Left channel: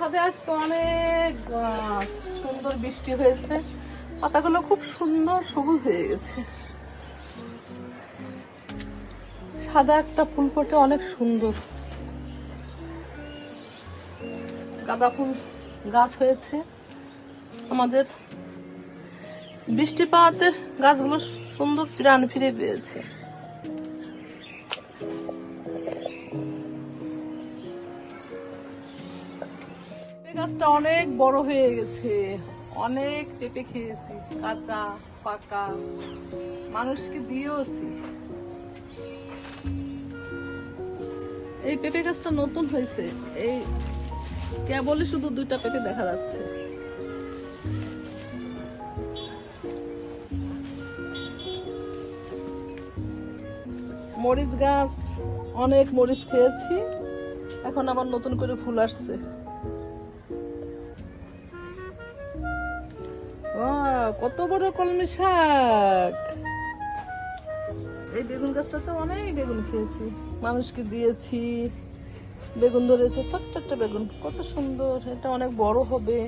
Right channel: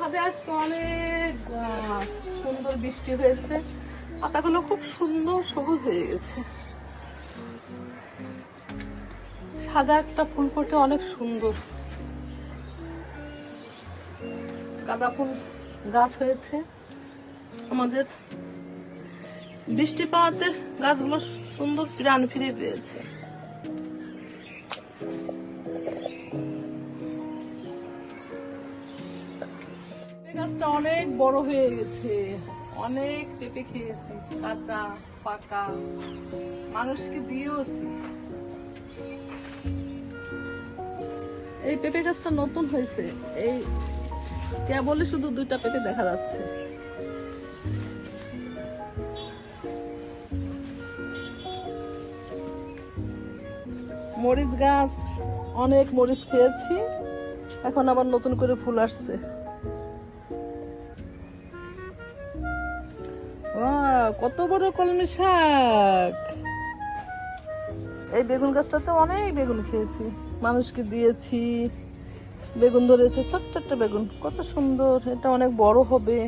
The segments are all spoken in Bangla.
ছাদে আজকে অনেক গাছ, সুন্দর বৃষ্টি হয়েছে, পাতাগুলো খুব সুন্দর সবুজ হয়ে গেছে। সাদা একটা ফুল ফুটে অনেক সুন্দর, গাঁদা ফুল গাছ হয়েছে। আমাদের বৃষ্টি পাওয়াতে গাছগুলো সুন্দর প্রাণ ফিরে পেয়েছে। গাছটা অনেক বড় হয়ে গেছে, অনেক পেঁপে খেয়েছি, কাঁচা পাকা, মানুষকে দিয়েওছি। এই পেঁপে গাছটা নতুন হয়েছে, এই কেবলই শুধু 2টা পেঁপে দেখা যাচ্ছে। মরিচ গাছ, অনেক মরিচ খেয়েছি, এখন আবার নতুন করে ফুল আসছে। কত বড় কলমি শাক! এই বেগুন গাছটাতে অনেক বেগুন খেয়েছি, মানুষকে দিয়েছি। বেগুন ধরেছে, ছোট্ট একটা বেগুন, কত সুন্দর, এটা অনেক বড় হবে।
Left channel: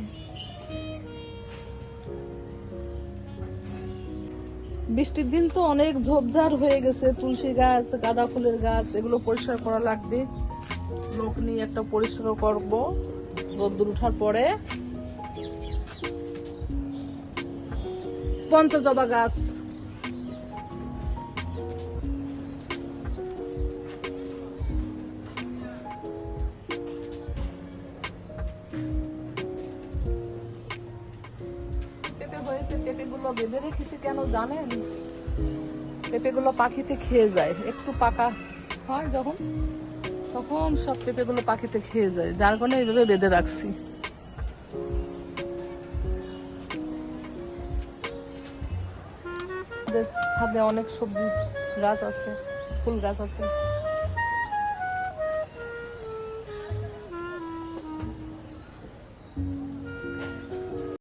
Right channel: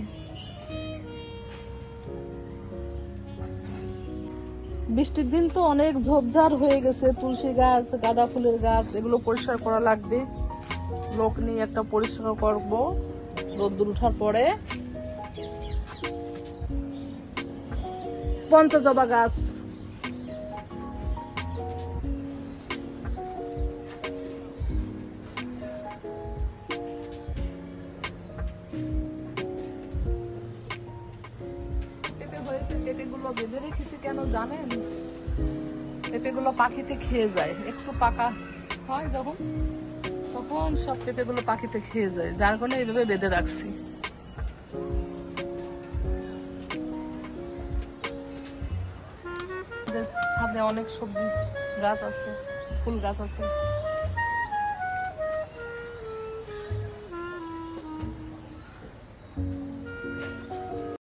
বৃষ্টির দিন তো অনেক ঝোপঝাড় হয়ে গেছে, তুলসী গাছ, গাঁদা ফুলের গাছ, এগুলো পরিষ্কার করা লাগবে। লোক নিয়ে একটা পরিষ্কার করবো রোদ্দুর ওঠার পরে। পঞ্চজবা গাছ, পেঁপে হয়েছে, পেঁপেগুলো বেঁধে রেখেছি কেন জানেন? পেঁপেগুলো পাখিতে খেয়ে যায়, একটু পাকা হয় যখন, তখন সব পেঁপেগুলো পাখিতে খেয়ে যায়, যার কারণে এইভাবে বেঁধে রাখছি। ছাদে অনেক সবজি গাছ আছে, ফুল গাছ আছে।